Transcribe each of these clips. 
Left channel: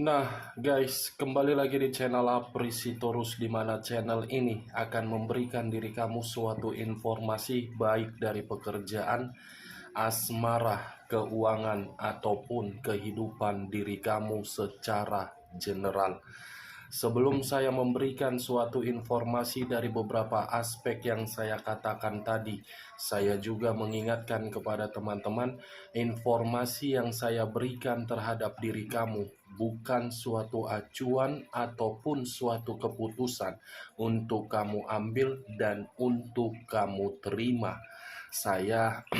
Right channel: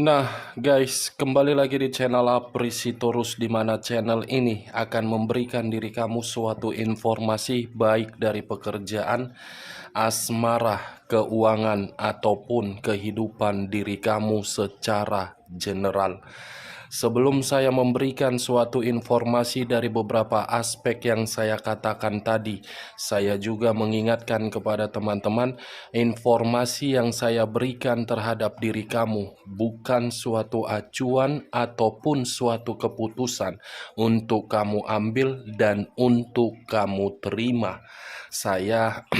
Nah, guys, kembali lagi di channel Aprisitorus, di mana channel ini akan memberikan diri kamu suatu informasi baik dari pekerjaan, asmara, keuangan, ataupun kehidupan diri kamu secara general. Sebelum saya memberikan suatu informasi dari beberapa aspek yang saya katakan tadi, saya juga mengingatkan kepada teman-teman, informasi yang saya berikan terhadap diri kamu bukan suatu acuan ataupun suatu keputusan untuk kamu ambil dan untuk kamu terima. Saya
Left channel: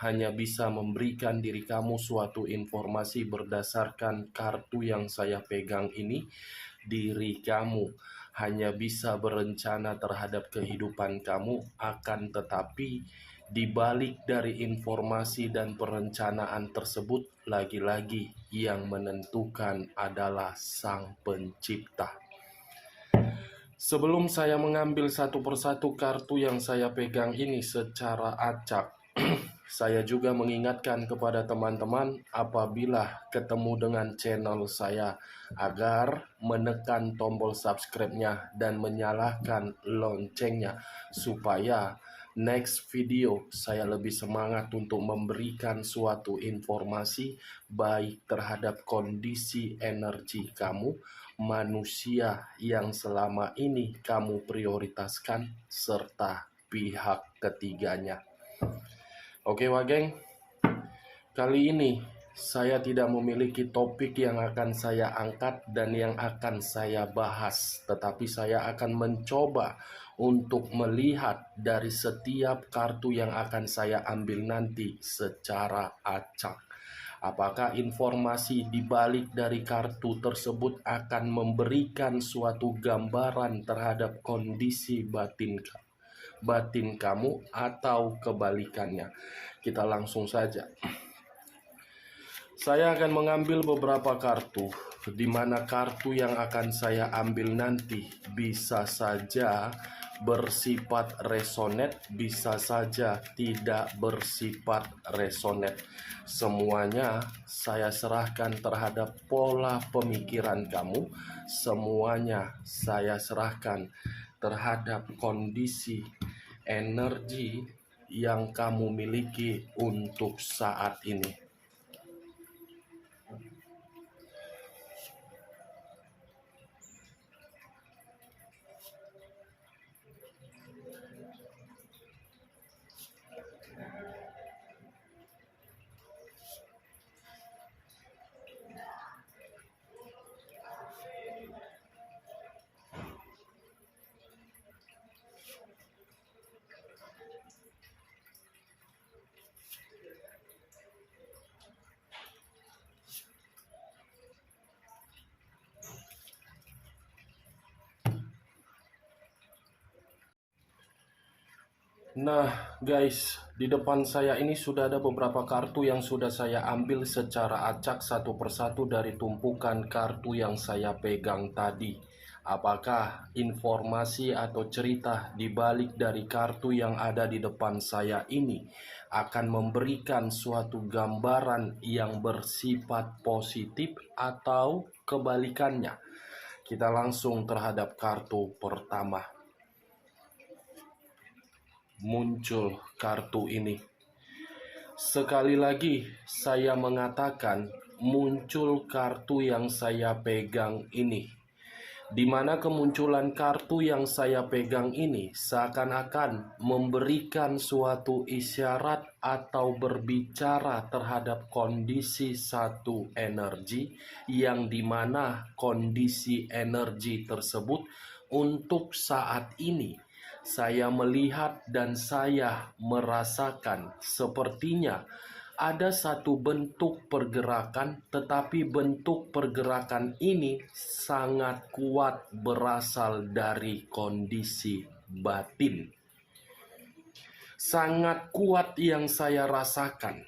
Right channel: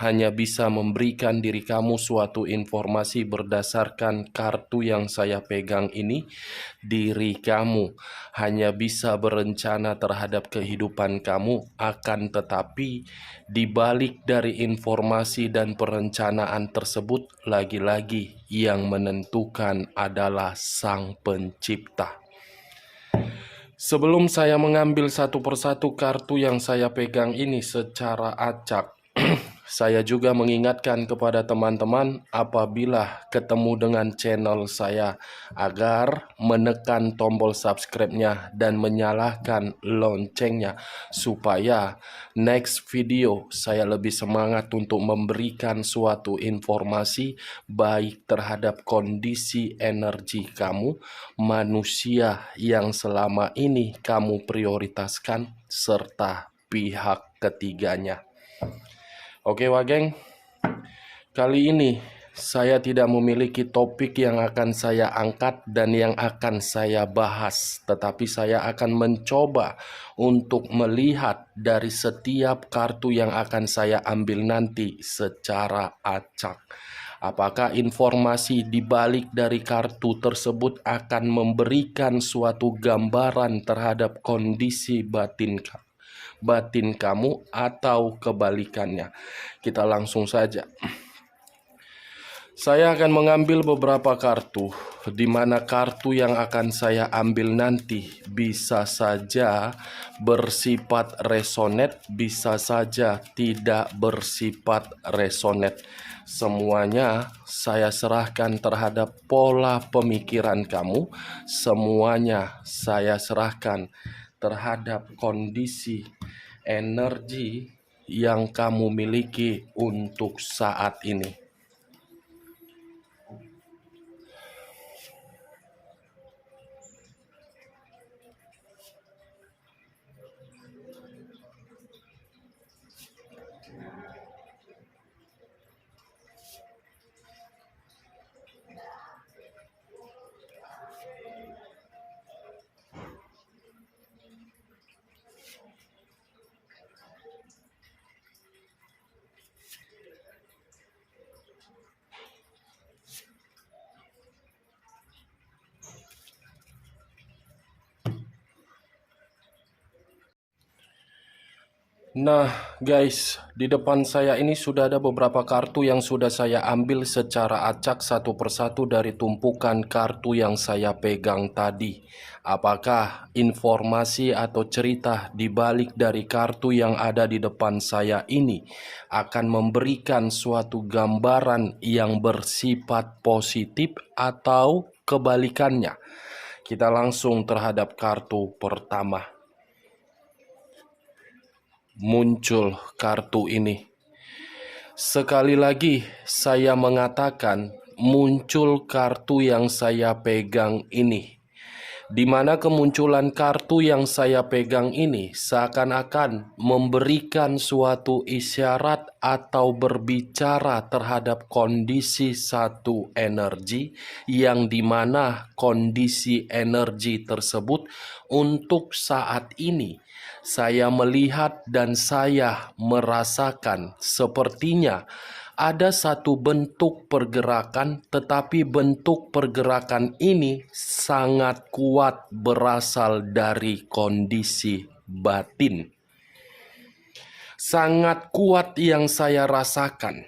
hanya bisa memberikan diri kamu suatu informasi berdasarkan kartu yang saya pegang ini. Diri kamu hanya bisa berencana terhadap kehidupan kamu, akan tetapi di balik dari informasi dan perencanaan tersebut, lagi-lagi yang menentukan adalah Sang Pencipta. Sebelum saya mengambil satu persatu kartu yang saya pegang ini secara acak, saya juga mengingatkan kepada teman-teman apabila ketemu dengan channel saya agar menekan tombol subscribe-nya dan menyalakan loncengnya supaya next video saya lebih semangat untuk memberikan suatu informasi baik terhadap kondisi energi kamu, manusia yang selama ini kamu prioritaskan, serta pihak ketiganya. Oke Wageng, kali ini saya tidak memiliki topik yang akan saya angkat dan yang akan saya bahas, tetapi saya akan mencoba untuk melihat dari setiap kartu yang akan saya ambil nanti secara acak. Apakah informasi di balik dari kartu tersebut akan memberikan suatu gambaran terhadap kondisi batin kamu atau kebalikannya? Kita langsung saja. Saya akan mengambil beberapa kartu, di mana kartu yang akan saya ambil nanti bisa saja bersifat resonate, bisa saja tidak bersifat resonate. Semuanya saya serahkan terhadap pola pemikiran kamu, semuanya saya serahkan terhadap kondisi energi yang kamu miliki untuk saat ini. Nah guys, di depan saya ini sudah ada beberapa kartu yang sudah saya ambil secara acak satu persatu dari tumpukan kartu yang saya pegang tadi. Apakah informasi atau cerita di balik dari kartu yang ada di depan saya ini akan memberikan suatu gambaran yang bersifat positif atau kebalikannya? Kita langsung terhadap kartu pertama. Muncul kartu ini. Sekali lagi saya mengatakan muncul kartu yang saya pegang ini, di mana kemunculan kartu yang saya pegang ini seakan-akan memberikan suatu isyarat atau berbicara terhadap kondisi satu energi, yang dimana kondisi energi tersebut untuk saat ini saya melihat dan saya merasakan sepertinya ada satu bentuk pergerakan, tetapi bentuk pergerakan ini sangat kuat berasal dari kondisi batin. Sangat kuat yang saya rasakan.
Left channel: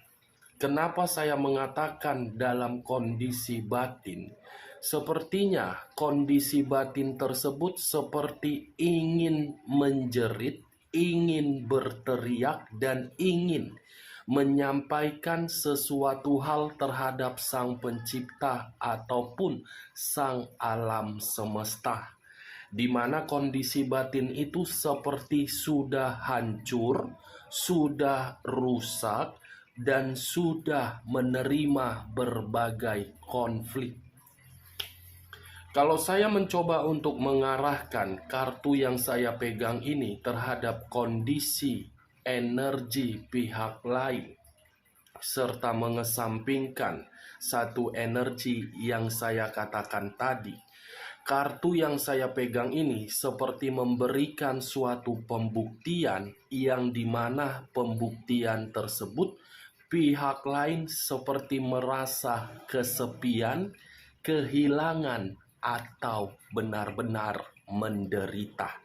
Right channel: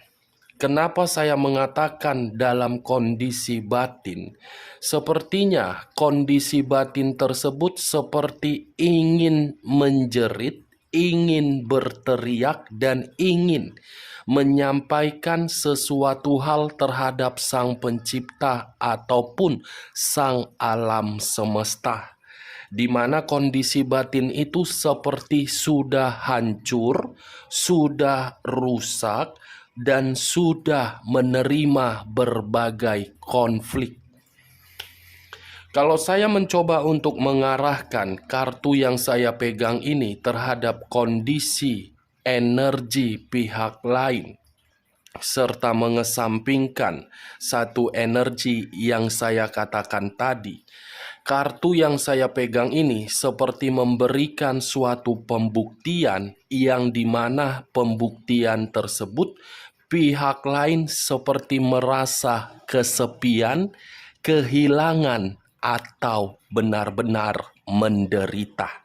Kenapa saya mengatakan dalam kondisi batin? Sepertinya kondisi batin tersebut seperti ingin menjerit, ingin berteriak dan ingin menyampaikan sesuatu hal terhadap Sang Pencipta ataupun Sang Alam Semesta, di mana kondisi batin itu seperti sudah hancur, sudah rusak, dan sudah menerima berbagai konflik. Kalau saya mencoba untuk mengarahkan kartu yang saya pegang ini terhadap kondisi energi pihak lain, serta mengesampingkan satu energi yang saya katakan tadi, kartu yang saya pegang ini seperti memberikan suatu pembuktian yang dimana pembuktian tersebut pihak lain seperti merasa kesepian, kehilangan, atau benar-benar menderita.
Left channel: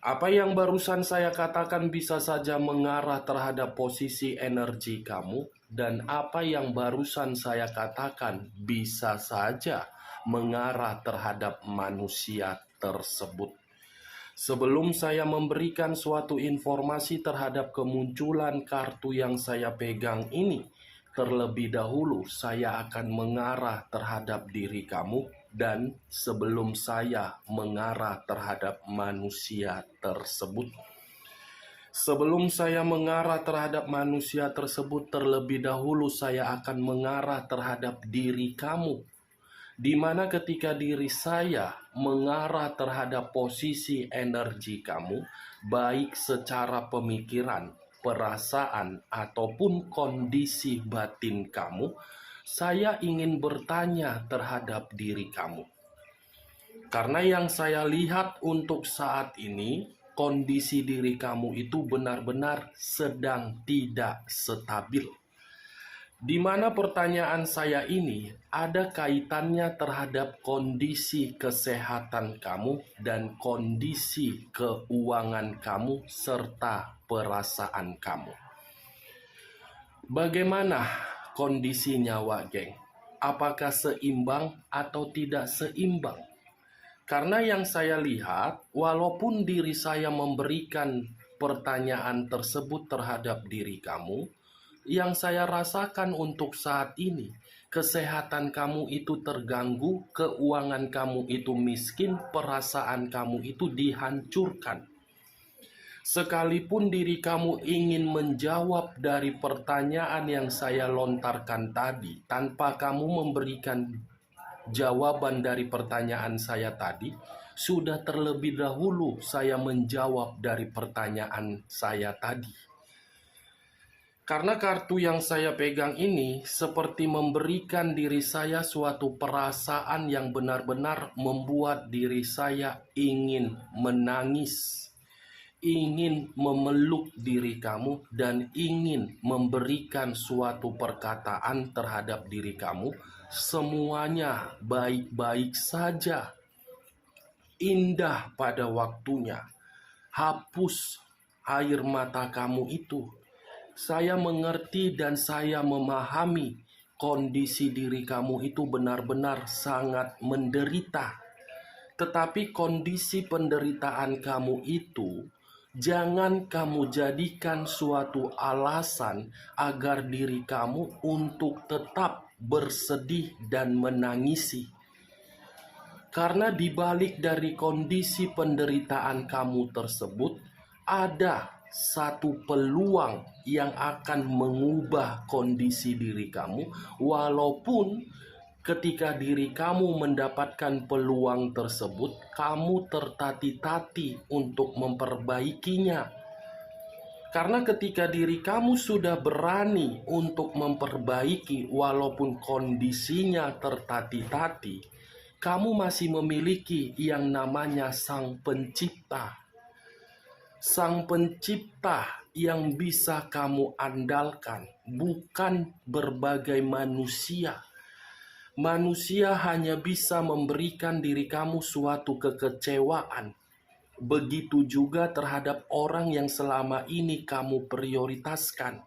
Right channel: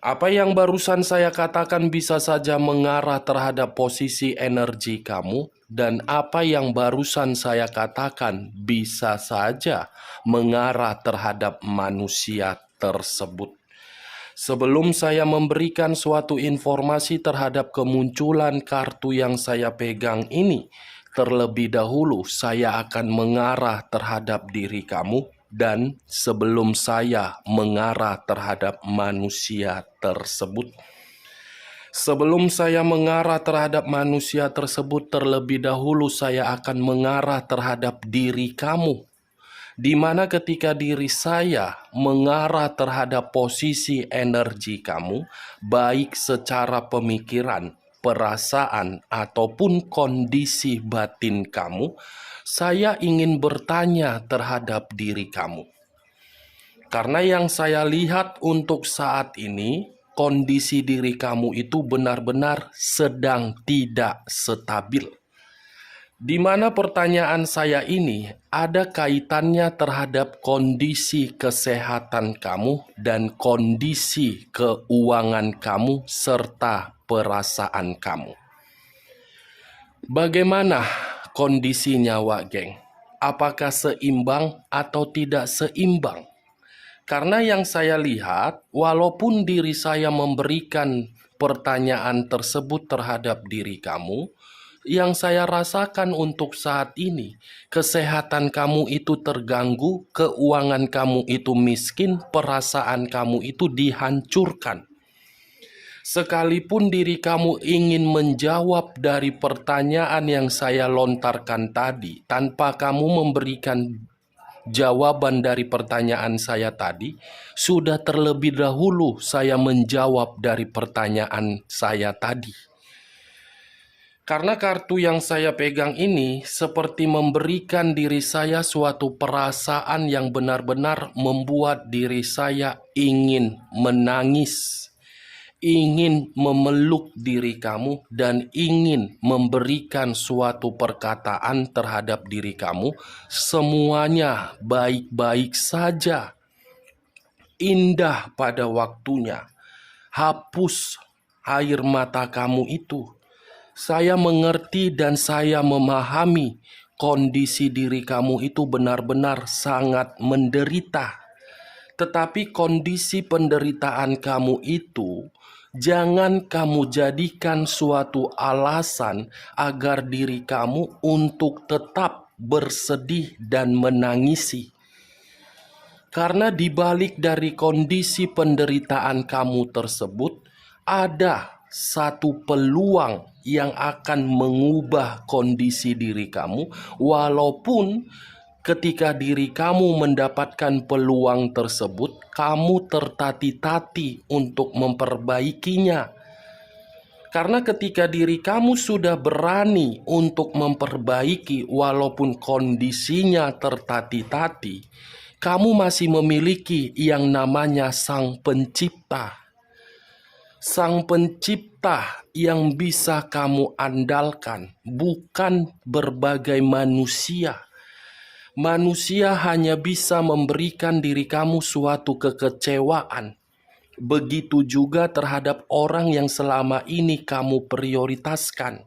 Apa yang barusan saya katakan bisa saja mengarah terhadap posisi energi kamu, dan apa yang barusan saya katakan bisa saja mengarah terhadap manusia tersebut. Sebelum saya memberikan suatu informasi terhadap kemunculan kartu yang saya pegang ini, terlebih dahulu saya akan mengarah terhadap diri kamu, dan sebelum saya mengarah terhadap manusia tersebut. Sebelum saya mengarah terhadap manusia tersebut, terlebih dahulu saya akan mengarah terhadap diri kamu, di mana ketika diri saya mengarah terhadap posisi energi kamu, baik secara pemikiran, perasaan, ataupun kondisi batin kamu, saya ingin bertanya terhadap diri kamu. Karena yang saya lihat untuk saat ini, kondisi diri kamu itu benar-benar sedang tidak stabil. Di mana pertanyaan saya ini ada kaitannya terhadap kondisi kesehatan kamu dan kondisi keuangan kamu serta perasaan kamu. Bagaimana kondisinya, Wak Geng? Apakah seimbang atau tidak seimbang? Karena yang saya lihat, walaupun diri saya memberikan pertanyaan tersebut terhadap diri kamu, yang saya rasakan untuk saat ini, kesehatan kamu itu terganggu, keuangan kamu itu miskin, perasaan kamu itu dihancurkan. Sekalipun diri kamu ingin menjawab dari pertanyaan yang saya lontarkan tadi, tanpa kamu memberikan jawaban dari pertanyaan saya tadi, sudah terlebih dahulu saya menjawab dari pertanyaan saya tadi. Karena kartu yang saya pegang ini seperti memberikan diri saya suatu perasaan yang benar-benar membuat diri saya ingin menangis, ingin memeluk diri kamu, dan ingin memberikan suatu perkataan terhadap diri kamu. Semuanya baik-baik saja, indah pada waktunya. Hapus air mata kamu itu. Saya mengerti dan saya memahami kondisi diri kamu itu benar-benar sangat menderita. Tetapi kondisi penderitaan kamu itu jangan kamu jadikan suatu alasan agar diri kamu untuk tetap bersedih dan menangisi. Karena di balik dari kondisi penderitaan kamu tersebut ada satu peluang yang akan mengubah kondisi diri kamu, walaupun ketika diri kamu mendapatkan peluang tersebut, kamu tertati-tati untuk memperbaikinya. Karena ketika diri kamu sudah berani untuk memperbaiki walaupun kondisinya tertati-tati, kamu masih memiliki yang namanya Sang Pencipta. Sang Pencipta yang bisa kamu andalkan, bukan berbagai manusia. Manusia hanya bisa memberikan diri kamu suatu kekecewaan. Begitu juga terhadap orang yang selama ini kamu prioritaskan.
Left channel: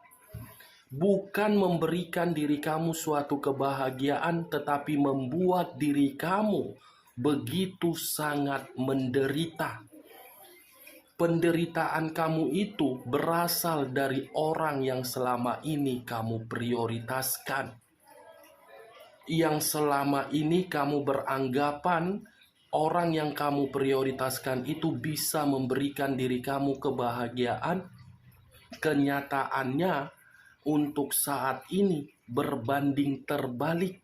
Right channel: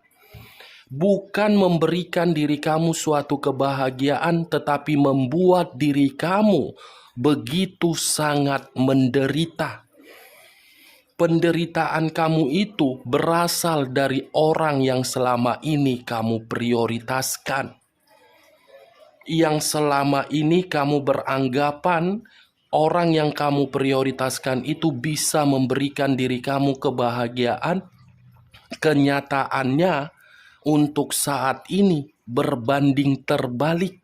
Bukan memberikan diri kamu suatu kebahagiaan, tetapi membuat diri kamu begitu sangat menderita. Penderitaan kamu itu berasal dari orang yang selama ini kamu prioritaskan. Yang selama ini kamu beranggapan orang yang kamu prioritaskan itu bisa memberikan diri kamu kebahagiaan. Kenyataannya untuk saat ini berbanding terbalik.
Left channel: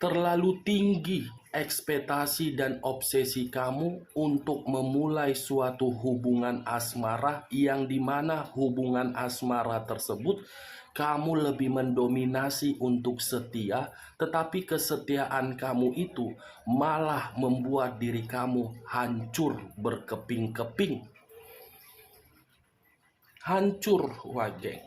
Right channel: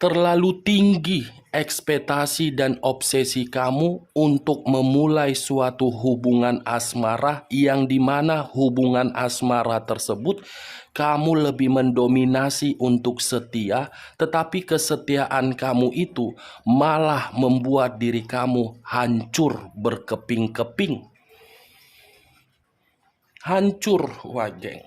Terlalu tinggi ekspektasi dan obsesi kamu untuk memulai suatu hubungan asmara yang dimana hubungan asmara tersebut kamu lebih mendominasi untuk setia, tetapi kesetiaan kamu itu malah membuat diri kamu hancur berkeping-keping. Hancur, Wageng.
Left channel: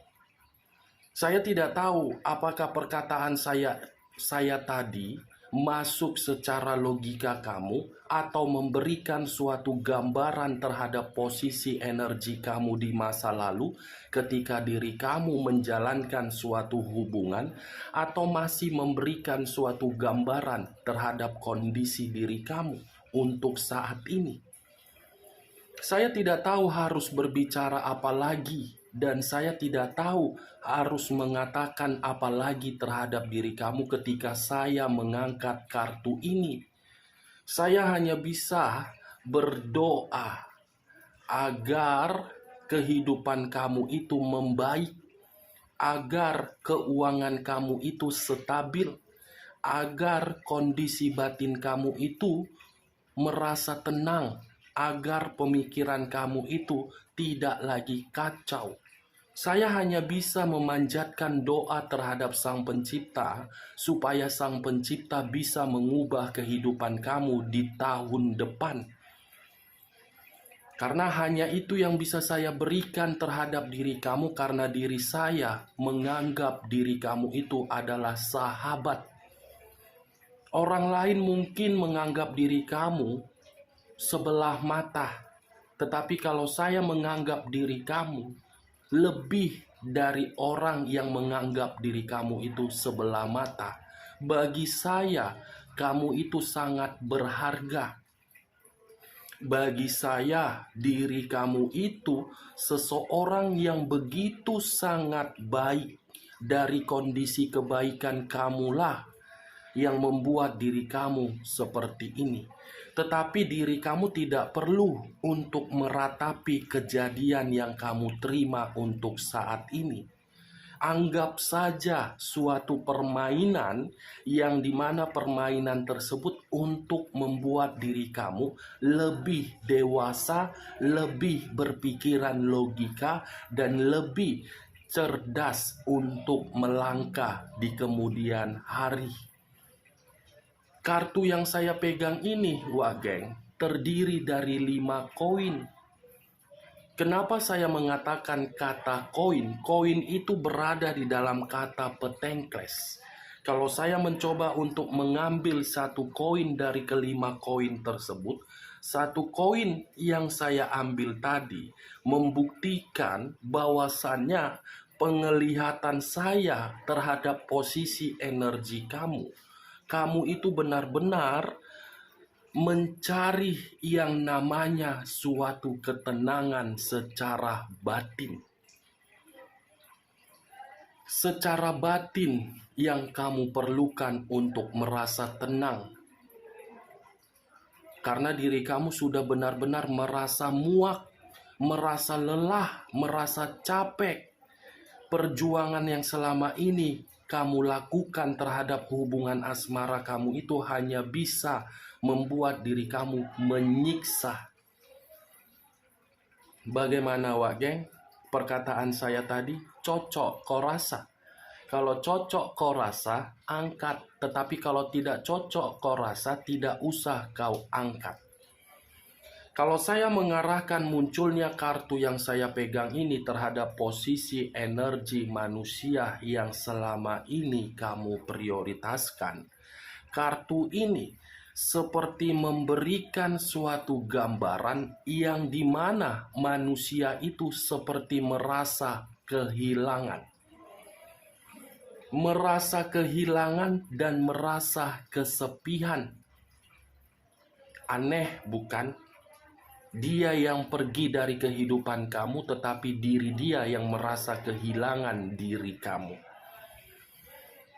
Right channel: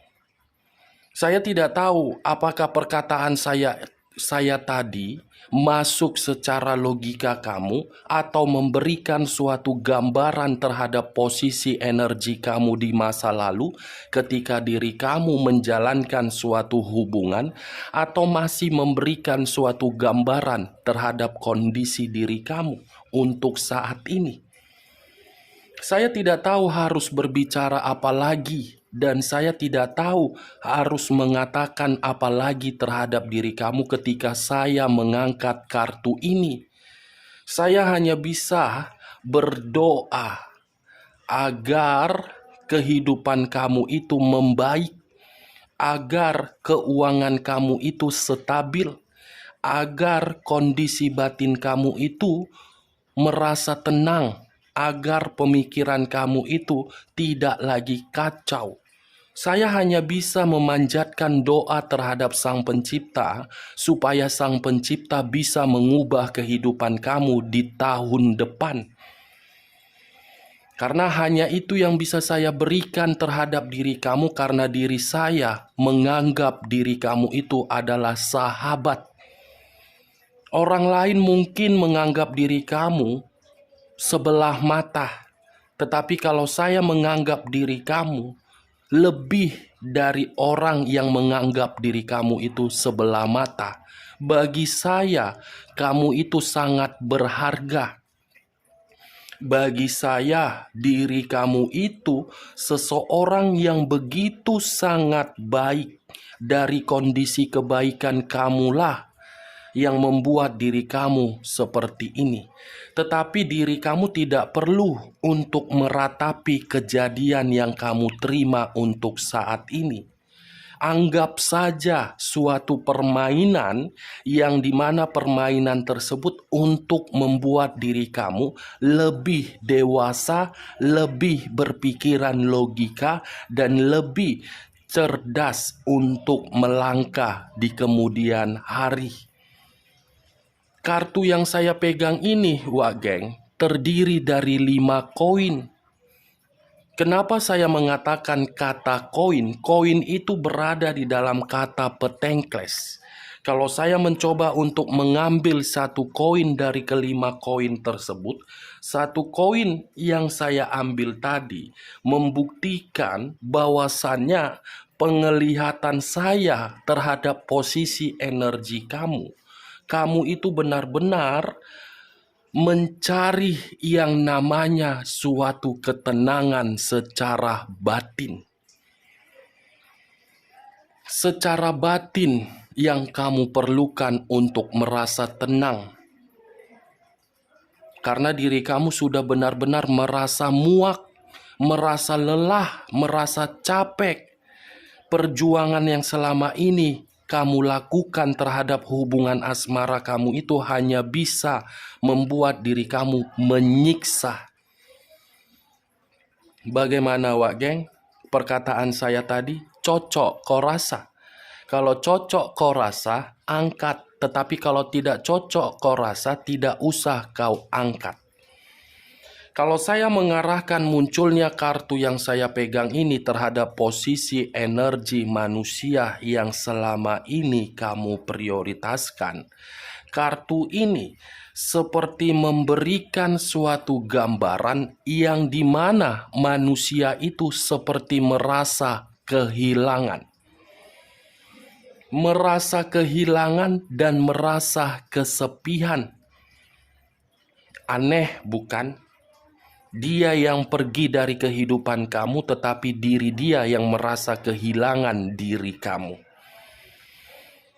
Saya tidak tahu apakah perkataan saya tadi masuk secara logika kamu atau memberikan suatu gambaran terhadap posisi energi kamu di masa lalu ketika diri kamu menjalankan suatu hubungan, atau masih memberikan suatu gambaran terhadap kondisi diri kamu untuk saat ini. Saya tidak tahu harus berbicara apa lagi, dan saya tidak tahu harus mengatakan apa lagi terhadap diri kamu ketika saya mengangkat kartu ini. Saya hanya bisa berdoa agar kehidupan kamu itu membaik, agar keuangan kamu itu stabil, agar kondisi batin kamu itu merasa tenang, agar pemikiran kamu itu tidak lagi kacau. Saya hanya bisa memanjatkan doa terhadap Sang Pencipta supaya Sang Pencipta bisa mengubah kehidupan kamu di tahun depan. Karena hanya itu yang bisa saya berikan terhadap diri kamu, karena diri saya menganggap diri kamu itu adalah sahabat. Orang lain mungkin menganggap diri kamu sebelah mata, tetapi kalau saya menganggap diri kamu lebih dari orang yang menganggap diri kamu itu sebelah mata. Bagi saya, kamu itu sangat berharga. Bagi saya, diri kamu itu seseorang yang begitu sangat baik. Dari kondisi kebaikan kamulah yang membuat diri kamu seperti ini. Tetapi diri kamu tidak perlu untuk meratapi kejadian yang kamu terima untuk saat ini. Anggap saja suatu permainan yang dimana permainan tersebut untuk membuat diri kamu lebih dewasa, lebih berpikiran logika, dan lebih cerdas untuk melangkah di kemudian hari. Kartu yang saya pegang ini, Wageng, terdiri dari 5 koin. Kenapa saya mengatakan kata koin? Koin itu berada di dalam kata petengkles. Kalau saya mencoba untuk mengambil satu koin dari kelima koin tersebut, satu koin yang saya ambil tadi membuktikan bahwasannya penglihatan saya terhadap posisi energi kamu itu benar-benar mencari yang namanya suatu ketenangan secara batin. Secara batin yang kamu perlukan untuk merasa tenang. Karena diri kamu sudah benar-benar merasa muak, merasa lelah, merasa capek. Perjuangan yang selama ini kamu lakukan terhadap hubungan asmara kamu itu hanya bisa membuat diri kamu menyiksa. Bagaimana, Wak Geng? Perkataan saya tadi, cocok kau rasa. Kalau cocok kau rasa, angkat. Tetapi kalau tidak cocok kau rasa, tidak usah kau angkat. Kalau saya mengarahkan munculnya kartu yang saya pegang ini terhadap posisi energi manusia yang selama ini kamu prioritaskan, kartu ini seperti memberikan suatu gambaran yang dimana manusia itu seperti merasa kehilangan. Merasa kehilangan dan merasa kesepian. Aneh bukan? Dia yang pergi dari kehidupan kamu, tetapi diri dia yang merasa kehilangan diri kamu.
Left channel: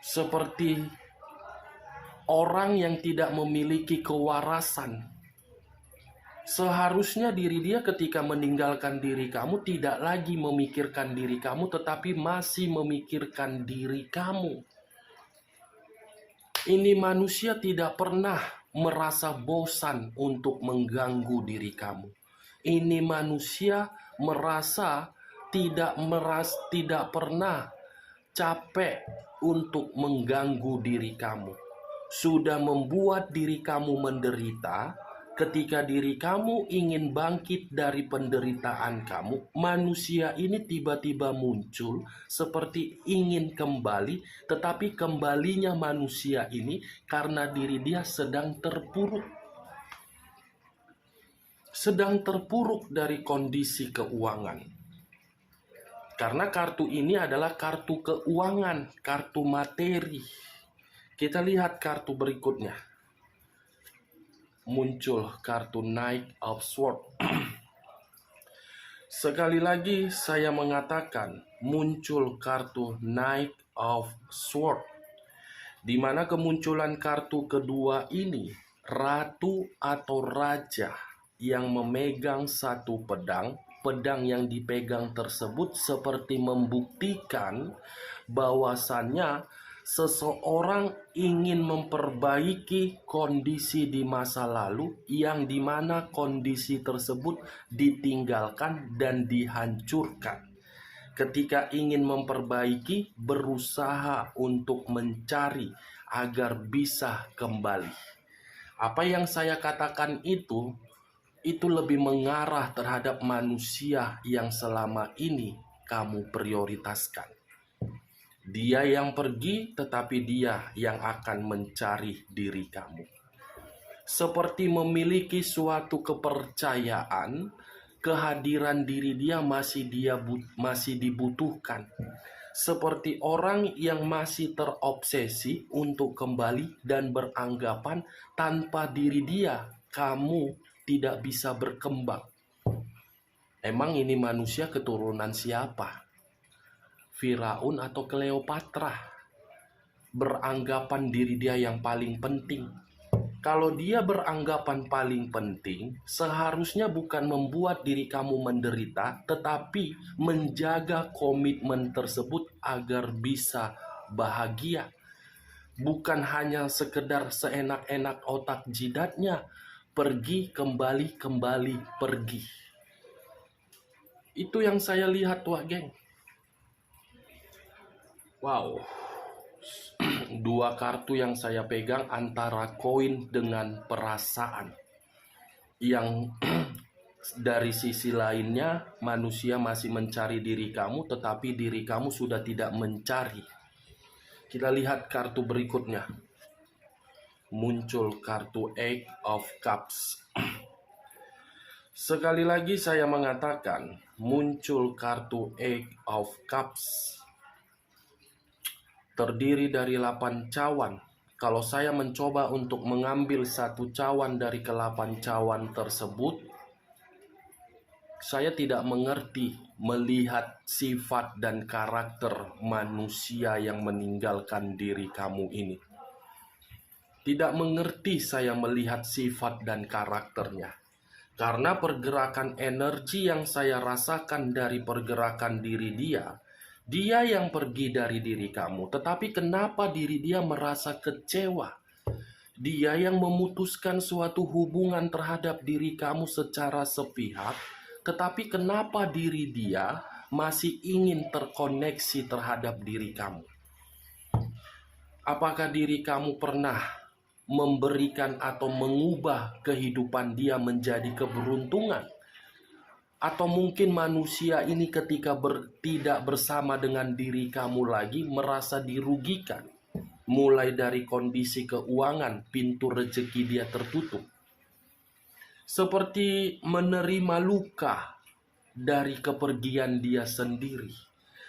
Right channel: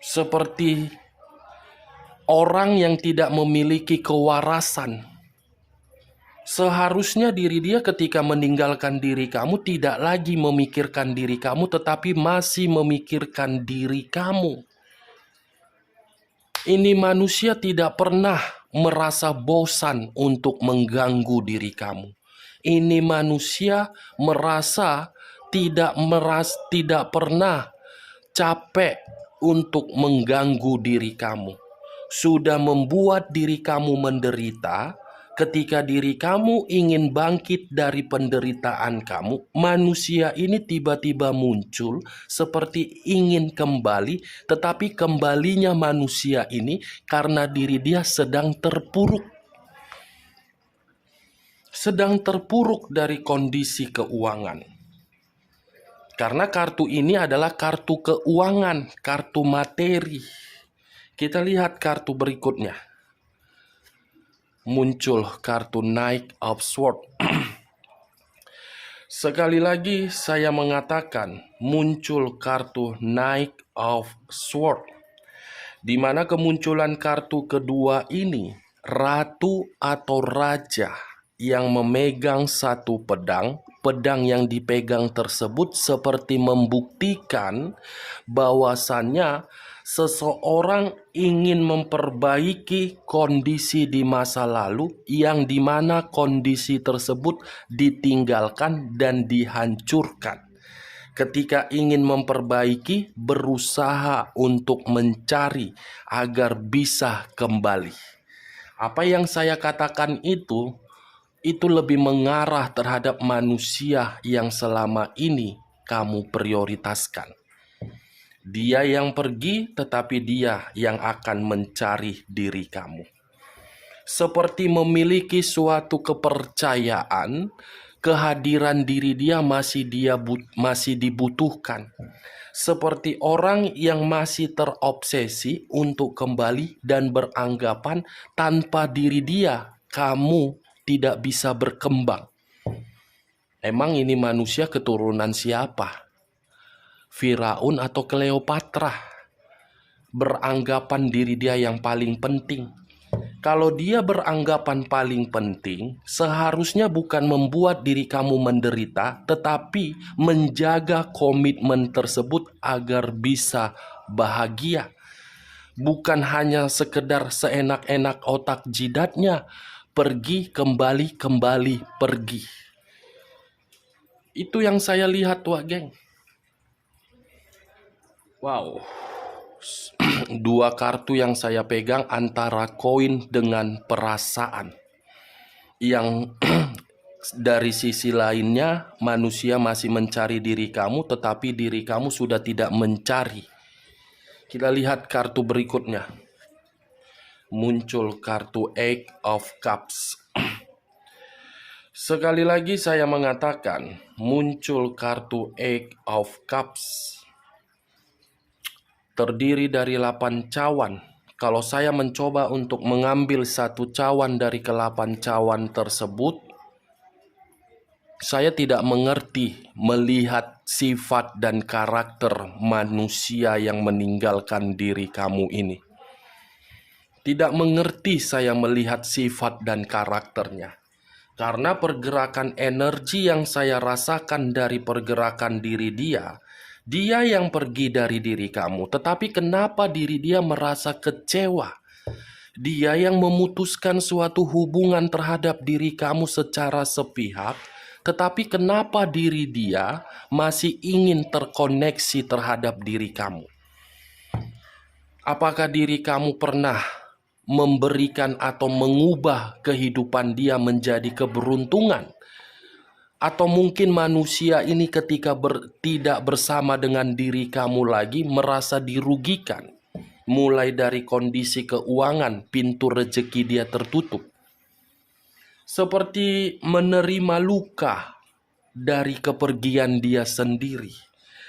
Seperti orang yang tidak memiliki kewarasan. Seharusnya diri dia ketika meninggalkan diri kamu tidak lagi memikirkan diri kamu, tetapi masih memikirkan diri kamu. Ini manusia tidak pernah merasa bosan untuk mengganggu diri kamu. Ini manusia merasa tidak pernah capek untuk mengganggu diri kamu. Sudah membuat diri kamu menderita. Ketika diri kamu ingin bangkit dari penderitaan kamu, manusia ini tiba-tiba muncul seperti ingin kembali, tetapi kembalinya manusia ini karena diri dia sedang terpuruk dari kondisi keuangan. Karena kartu ini adalah kartu keuangan, kartu materi. Kita lihat kartu berikutnya. Muncul kartu Knight of Swords. Sekali lagi saya mengatakan muncul kartu Knight of Swords, di mana kemunculan kartu kedua ini ratu atau raja yang memegang satu pedang. Pedang yang dipegang tersebut seperti membuktikan bahwasannya seseorang ingin memperbaiki kondisi di masa lalu yang dimana kondisi tersebut ditinggalkan dan dihancurkan. Ketika ingin memperbaiki, berusaha untuk mencari agar bisa kembali. Apa yang saya katakan itu lebih mengarah terhadap manusia yang selama ini kamu prioritaskan. Dia yang pergi, tetapi dia yang akan mencari diri kamu. Seperti memiliki suatu kepercayaan, kehadiran diri dia masih dibutuhkan. Seperti orang yang masih terobsesi untuk kembali dan beranggapan tanpa diri dia, kamu tidak bisa berkembang. Emang ini manusia keturunan siapa? Firaun atau Kleopatra? Beranggapan diri dia yang paling penting. Kalau dia beranggapan paling penting, seharusnya bukan membuat diri kamu menderita, tetapi menjaga komitmen tersebut agar bisa bahagia. Bukan hanya sekedar seenak-enak otak jidatnya, pergi, kembali, pergi. Itu yang saya lihat, wah geng. Wow. Dua kartu yang saya pegang antara koin dengan perasaan. Yang dari sisi lainnya manusia masih mencari diri kamu, tetapi diri kamu sudah tidak mencari. Kita lihat kartu berikutnya. Muncul kartu Eight of Cups. Sekali lagi saya mengatakan, muncul kartu Eight of Cups. Terdiri dari 8 cawan. Kalau saya mencoba untuk mengambil satu cawan dari ke-8 cawan tersebut, saya tidak mengerti melihat sifat dan karakter manusia yang meninggalkan diri kamu ini. Tidak mengerti saya melihat sifat dan karakternya. Karena pergerakan energi yang saya rasakan dari pergerakan diri dia, dia yang pergi dari diri kamu. Tetapi kenapa diri dia merasa kecewa? Dia yang memutuskan suatu hubungan terhadap diri kamu secara sepihak, tetapi kenapa diri dia masih ingin terkoneksi terhadap diri kamu? Apakah diri kamu pernah memberikan atau mengubah kehidupan dia menjadi keberuntungan? Atau mungkin manusia ini ketika tidak bersama dengan diri kamu lagi merasa dirugikan. Mulai dari kondisi keuangan, pintu rezeki dia tertutup. Seperti menerima luka dari kepergian dia sendiri.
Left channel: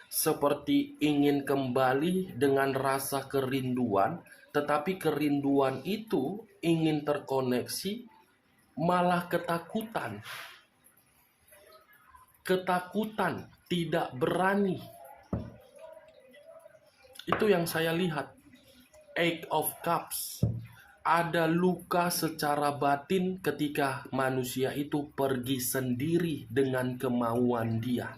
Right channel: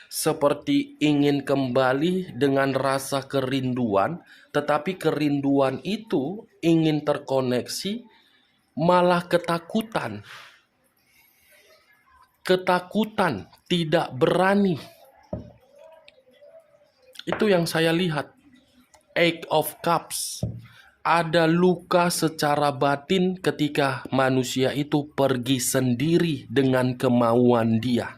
Seperti ingin kembali dengan rasa kerinduan, tetapi kerinduan itu ingin terkoneksi malah ketakutan. ketakutan, tidak berani. Itu yang saya lihat. Eight of Cups. Ada luka secara batin ketika manusia itu pergi sendiri dengan kemauan dia.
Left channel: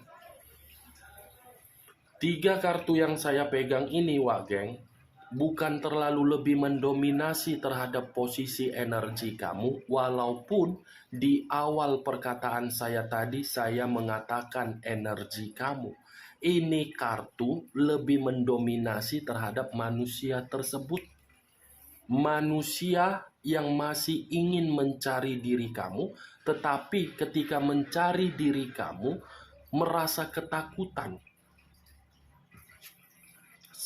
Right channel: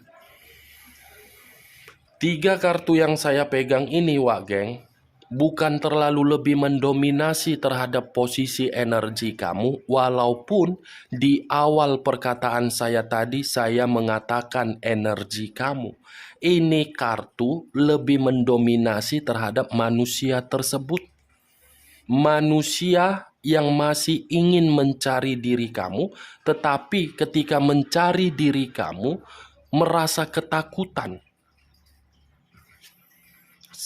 3 kartu yang saya pegang ini, Wak Geng, bukan terlalu lebih mendominasi terhadap posisi energi kamu, walaupun di awal perkataan saya tadi saya mengatakan energi kamu. Ini kartu lebih mendominasi terhadap manusia tersebut. Manusia yang masih ingin mencari diri kamu, tetapi ketika mencari diri kamu merasa ketakutan.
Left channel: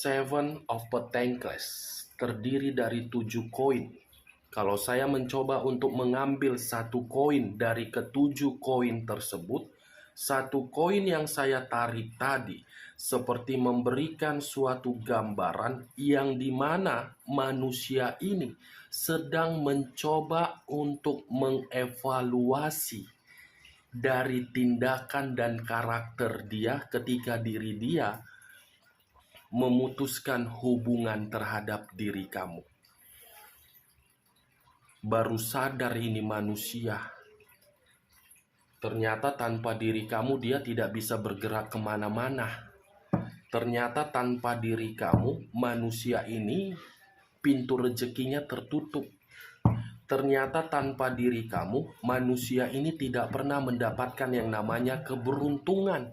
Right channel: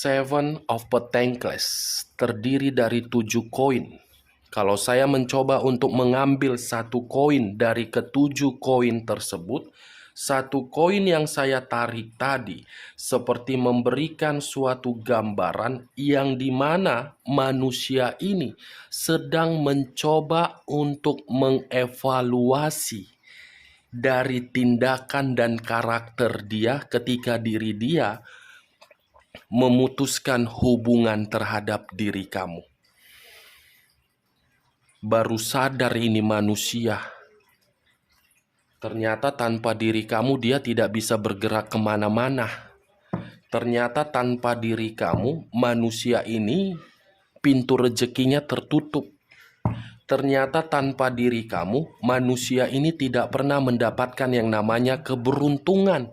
Seven of Pentacles terdiri dari 7 koin. Kalau saya mencoba untuk mengambil 1 koin dari ke-7 koin tersebut, 1 koin yang saya tarik tadi seperti memberikan suatu gambaran yang dimana manusia ini sedang mencoba untuk mengevaluasi dari tindakan dan karakter dia ketika diri dia memutuskan hubungan terhadap diri kamu. Baru sadar ini manusia. Ternyata tanpa diri kamu dia tidak bisa bergerak kemana-mana. Ternyata tanpa diri kamu manusia ini pintu rezekinya tertutup. Ternyata tanpa diri kamu manusia ini tidak pernah mendapatkan yang namanya keberuntungan.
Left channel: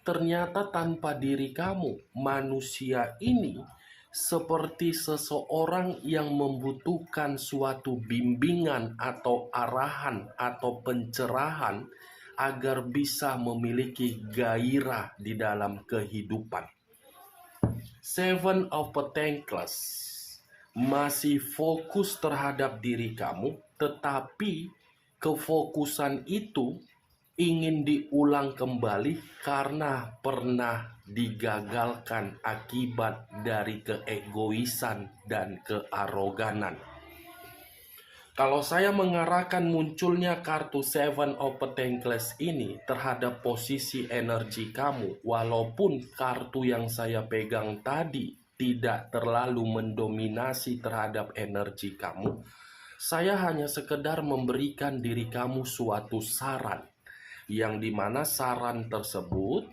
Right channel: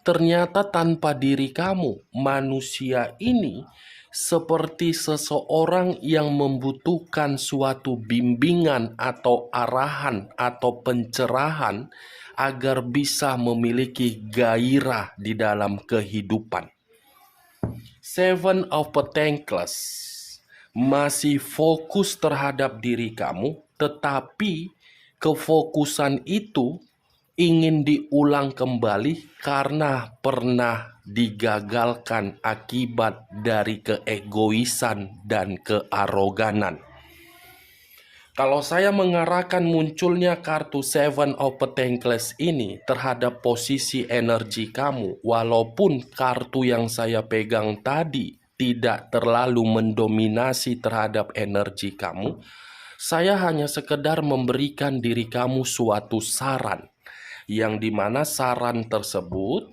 Ternyata tanpa diri kamu manusia ini seperti seseorang yang membutuhkan suatu bimbingan atau arahan atau pencerahan agar bisa memiliki gairah di dalam kehidupan. Seven of Pentacles masih fokus terhadap diri kamu, tetapi kefokusan itu ingin diulang kembali karena pernah digagalkan akibat dari keegoisan dan kearoganan. Kalau saya mengarahkan munculnya kartu Seven of Pentacles ini terhadap posisi energi kamu, walaupun kartu yang saya pegang tadi tidak terlalu mendominasi terhadap energi kamu, saya hanya sekedar memberikan diri kamu suatu saran. Yang dimana saran tersebut,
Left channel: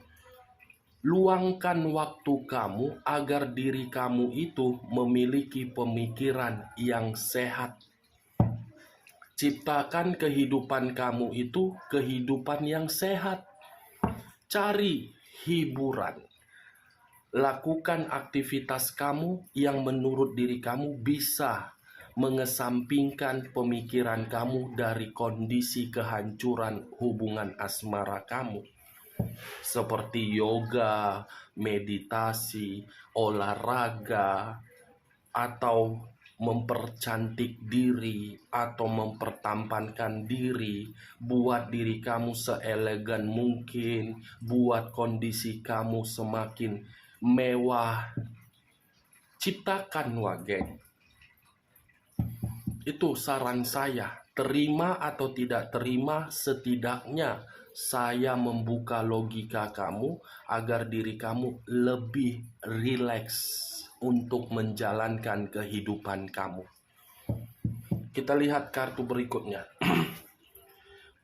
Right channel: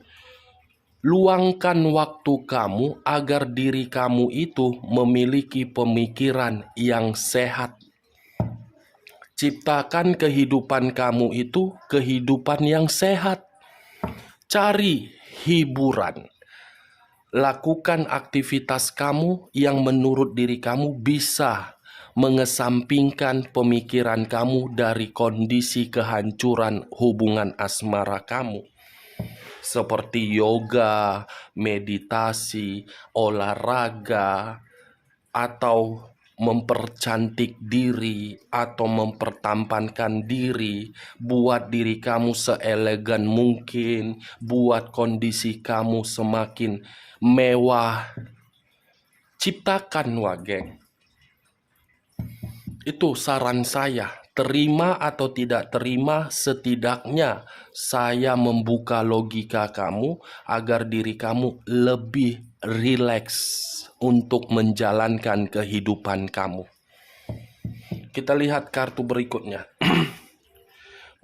luangkan waktu kamu agar diri kamu itu memiliki pemikiran yang sehat. Ciptakan kehidupan kamu itu kehidupan yang sehat. Cari hiburan. Lakukan aktivitas kamu yang menurut diri kamu bisa mengesampingkan pemikiran kamu dari kondisi kehancuran hubungan asmara kamu. Seperti yoga, meditasi, olahraga, atau mempercantik diri, atau mempertampankan diri, buat diri kamu seelegan mungkin, buat kondisi kamu semakin mewah. Ciptakan, Wak Geng. Itu saran saya. Terima atau tidak terima, setidaknya saya membuka logika kamu agar diri kamu lebih rileks untuk menjalankan kehidupan kamu. Kita lihat kartu berikutnya.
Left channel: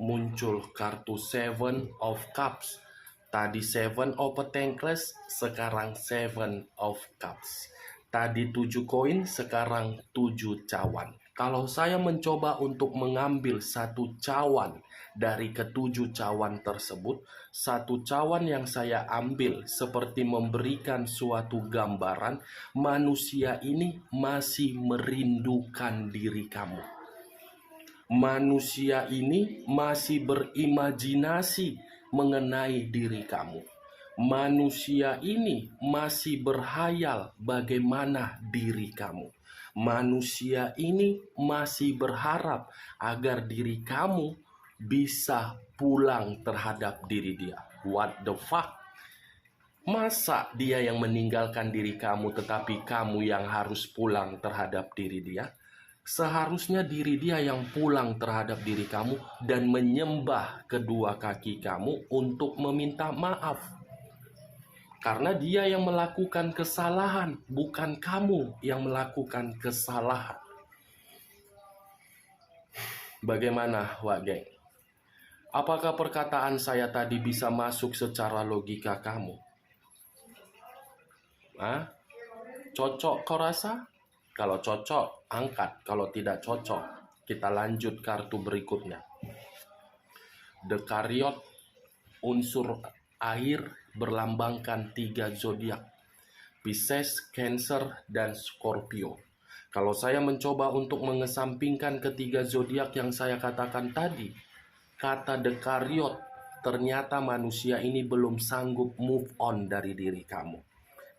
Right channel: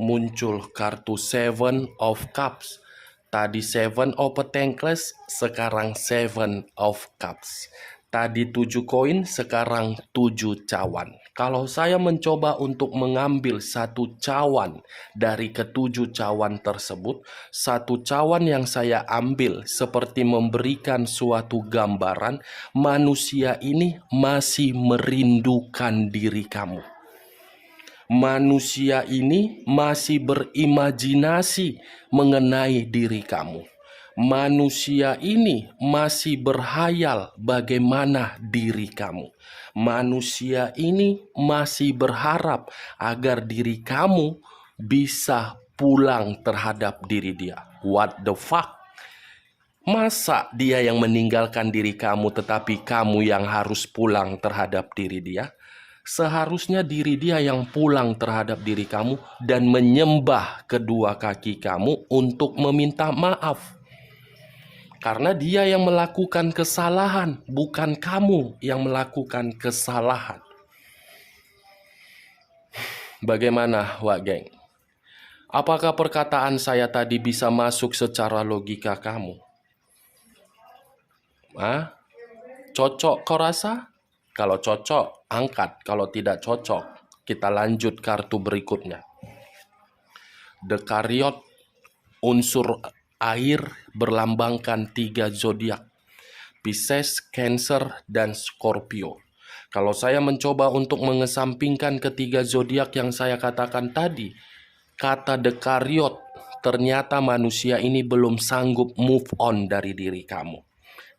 Muncul kartu Seven of Cups. Tadi Seven of Pentacles, sekarang Seven of Cups. Tadi 7 koin, sekarang 7 cawan. Kalau saya mencoba untuk mengambil 1 cawan dari ke-7 cawan tersebut, 1 cawan yang saya ambil seperti memberikan suatu gambaran, manusia ini masih merindukan diri kamu. Manusia ini masih berimajinasi mengenai diri kamu. Manusia ini masih berhayal bagaimana diri kamu. Manusia ini masih berharap agar diri kamu bisa pulang terhadap diri dia. What the fuck? Masa dia yang meninggalkan diri kamu tetapi kamu yang harus pulang terhadap diri dia? Seharusnya diri dia yang pulang terhadap diri kamu dan menyembah kedua kaki kamu untuk meminta maaf. Karena dia yang melakukan kesalahan, bukan kamu yang melakukan kesalahan. Bagaimana, Wak Geng? Apakah perkataan saya tadi bisa masuk secara logika kamu? Cocok kau rasa? Kalau cocok, angkat. Kalau tidak cocok, kita lanjut kartu berikutnya. Dekariot, unsur air berlambangkan 3 zodiak. Pisces, Cancer, dan Scorpio. Kalau saya mencoba untuk mengesampingkan ketiga zodiak yang saya katakan tadi, kata Dekariot, ternyata manusia ini belum sanggup move on dari diri kamu.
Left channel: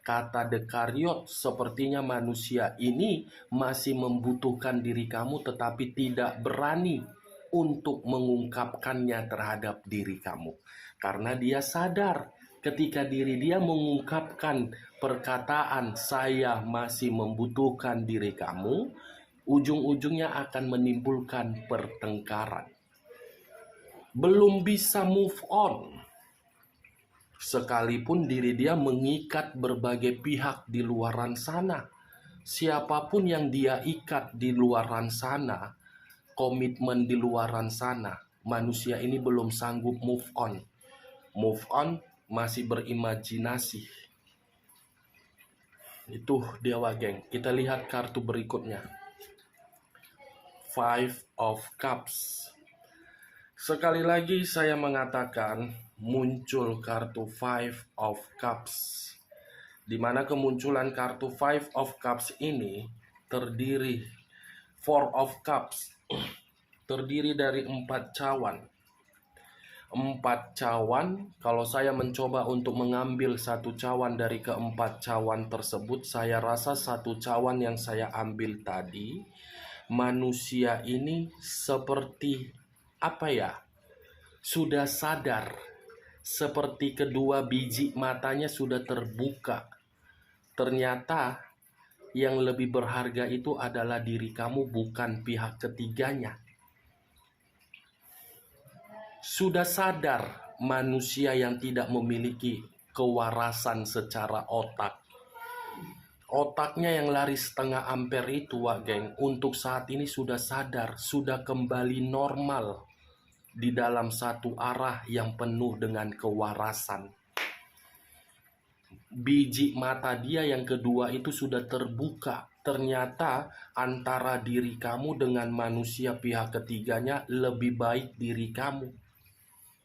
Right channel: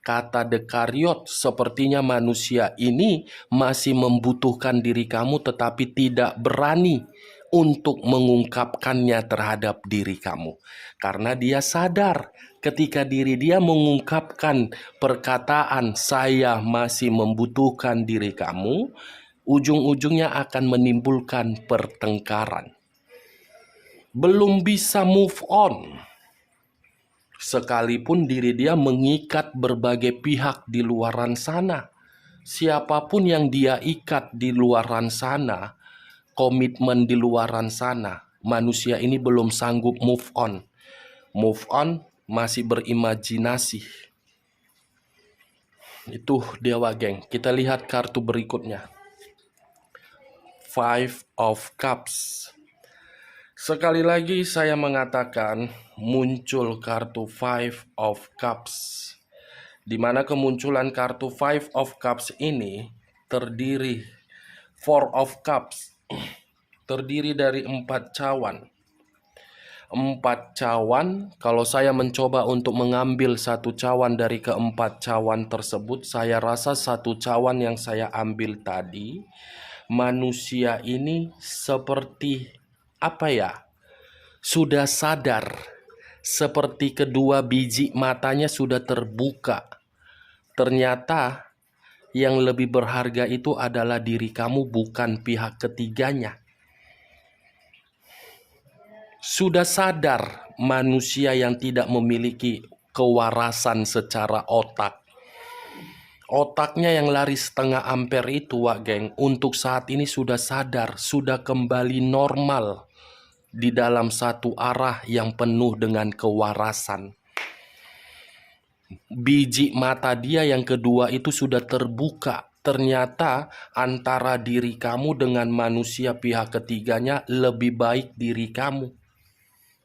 Kata Dekariot, sepertinya manusia ini masih membutuhkan diri kamu tetapi tidak berani untuk mengungkapkannya terhadap diri kamu. Karena dia sadar ketika diri dia mengungkapkan perkataan saya masih membutuhkan diri kamu, ujung-ujungnya akan menimbulkan pertengkaran. Belum bisa move on. Sekalipun diri dia mengikat berbagai pihak di luaran sana. Siapapun yang dia ikat di luaran sana, komitmen di luaran sana, manusia ini belum sanggup move on. Move on masih berimajinasi. Itu Dewa Geng. Kita lihat kartu berikutnya. Five of Cups. Sekali lagi saya mengatakan muncul kartu Five of Cups, di mana kemunculan kartu Five of Cups ini terdiri Four of Cups, terdiri dari 4 cawan. 4 cawan, kalau saya mencoba untuk mengambil satu cawan dari keempat cawan tersebut, saya rasa satu cawan yang saya ambil tadi, manusia ini seperti apa ya? Sudah sadar, seperti kedua biji matanya sudah terbuka. Ternyata yang lebih berharga itu adalah diri kamu, bukan pihak ketiganya. Sudah sadar manusia yang tidak memiliki kewarasan secara otak. Otaknya yang lari setengah ampere itu, Wak Geng, untuk saat ini sudah sadar, sudah kembali normal di dalam satu arah yang penuh dengan kewarasan. Biji mata dia yang kedua itu sudah terbuka. Ternyata antara diri kamu dengan manusia pihak ketiganya lebih baik diri kamu.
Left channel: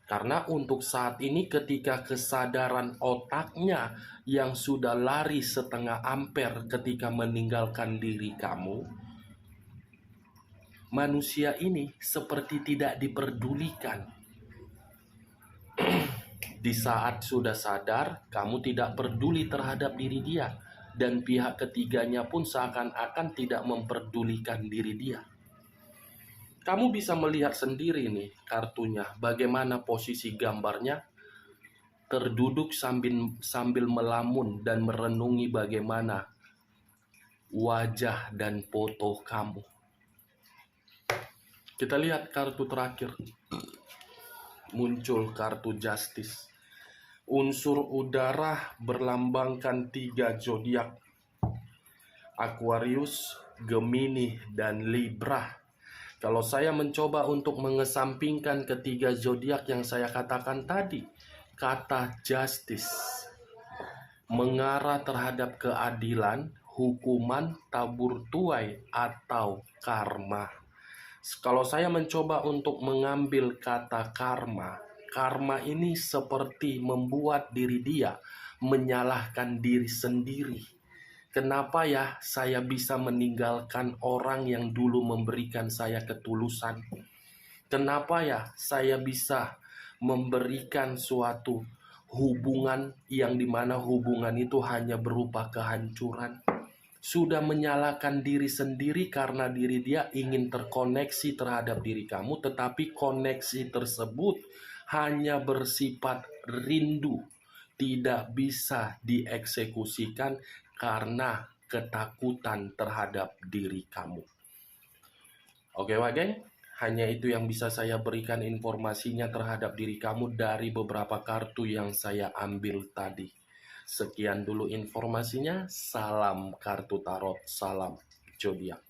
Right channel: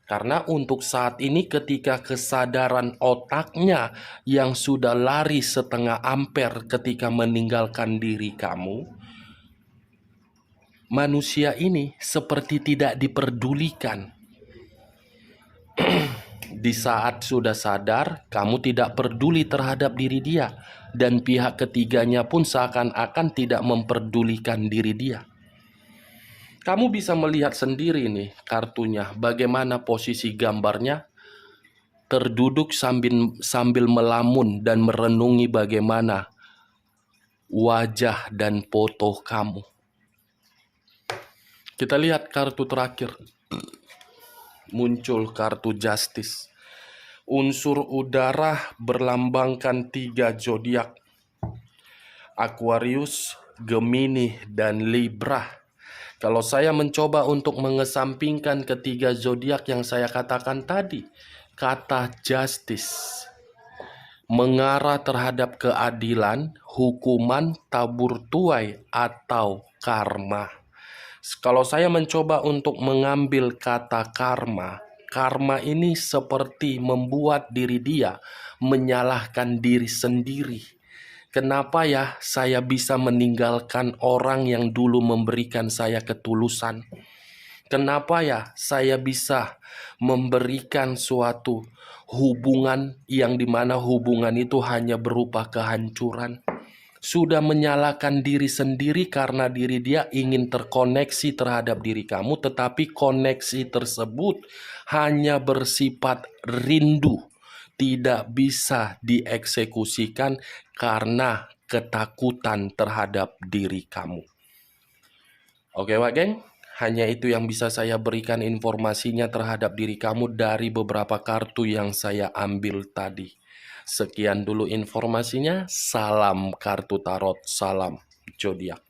Karena untuk saat ini ketika kesadaran otaknya yang sudah lari setengah ampere ketika meninggalkan diri kamu, manusia ini seperti tidak diperdulikan. Di saat sudah sadar, kamu tidak peduli terhadap diri dia, dan pihak ketiganya pun seakan-akan tidak memperdulikan diri dia. Kamu bisa melihat sendiri nih kartunya, bagaimana posisi gambarnya, terduduk sambil melamun dan merenungi bagaimana wajah dan foto kamu. Kita lihat kartu terakhir. Muncul kartu Justice. Unsur udara berlambangkan 3 zodiak. Aquarius, Gemini, dan Libra. Kalau saya mencoba untuk mengesampingkan ketiga zodiak yang saya katakan tadi, kata justice mengarah terhadap keadilan, hukuman, tabur tuai, atau karma. Kalau saya mencoba untuk mengambil kata karma, karma ini seperti membuat diri dia menyalahkan diri sendiri. Kenapa ya saya bisa meninggalkan orang yang dulu memberikan saya ketulusan? Kenapa ya saya bisa memberikan suatu hubungan yang dimana hubungan itu hanya berupa kehancuran? Sudah menyalahkan diri sendiri karena diri dia ingin terkoneksi terhadap diri kamu, tetapi koneksi tersebut hanya bersifat rindu, tidak bisa dieksekusikan karena ketakutan terhadap diri kamu. Oke Wak Geng, hanya itu yang bisa saya berikan informasinya terhadap diri kamu dari beberapa kartu yang saya ambil tadi. Sekian dulu informasinya, salam kartu tarot, salam zodiak.